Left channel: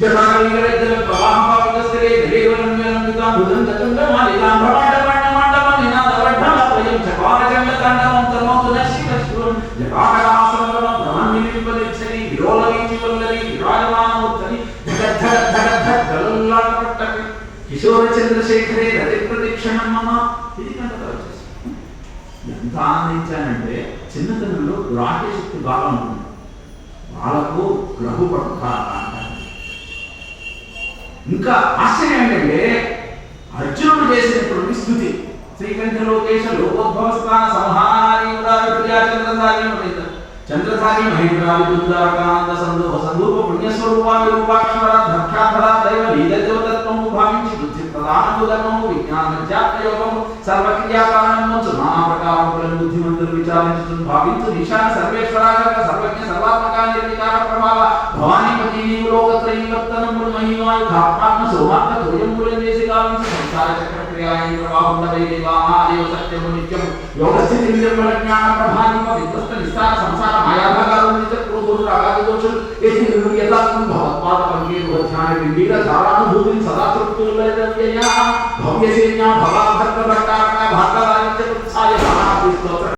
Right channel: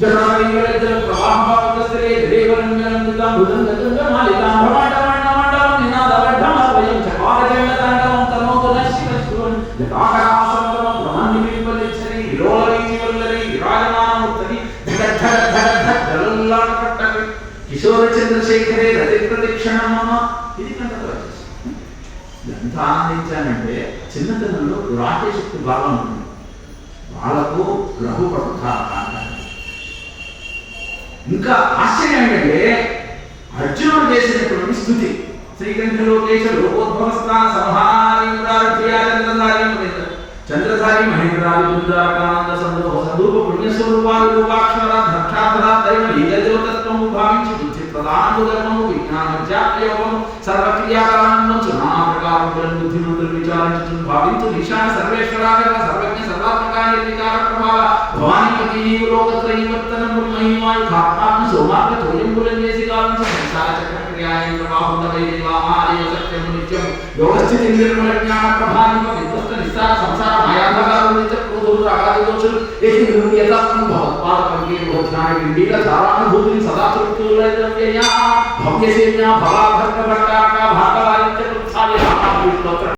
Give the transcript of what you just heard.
జటావీగలజ్జల ప్రవాహపావకస్థిరే దేవరమ్యనందుతాం భుజంగతుంగమాలితాం భవాండవర్ణమండలం నినాదవర్ధమద్వయం చకారచండతాండవం తనోతు నశివ శివం జటాకరాసనగరం బ్రహ్మనిలింబలిచ్చరి విరోలవీతివల్లరి విరాజమానమూర్తని ధగ ధగ గలల్లాటపట్టవి కిశోర చంద్రశేఖరే రతి ప్రదక్షిణం మమ ఇది కనుక ఎంత ఆనందించానంటే చిన్నతనంలో రాకే శక్తి బాగా ఉంటుంది వాళ్ళకు గ్రహు ఇంకా ఆశ్చర్యం ఏంటంటే అర్జునుడు చేసినటువంటి స్థుతి శ్రీకంఠ లోకేశ లోకోద్భవస్థాన సంహారీ ప్రియా చంద్రధారి మహేంద్ర చంద్రధారి మహేంద్రాది సందూప సందూప పుణ్యస్వరూపాలు రూపాక్షర ద్రక్షాధర దైవ లీలదేవతత్వము భావించి బుద్ధి ప్రధానము ధర్మము విజ్ఞాన సర్వక్రియాకారణము నానా ప్రకారములను బుద్ధిమంతులు విచారించు భావించు నిశాన సర్వేశ్వరాగ సర్వజ్ఞ సర్వాత్మ సోమాత్మ చేసి కాలం సంసార చక్రక్రియాయేంద్ర బాహుండవై దేవామాదేవ సత్యము నిత్యము యోగస్థితి నిర్మల జ్ఞాన ప్రభావిమ విధ్వస్త నిస్సార సంసార మాయాభగాలు నిత్య క్రోధులు రాగాది దోషులు ఏది నిర్యతాత్మ భగవత్పాద పంకే ధారానుభూతిని సదా తృప్తులైన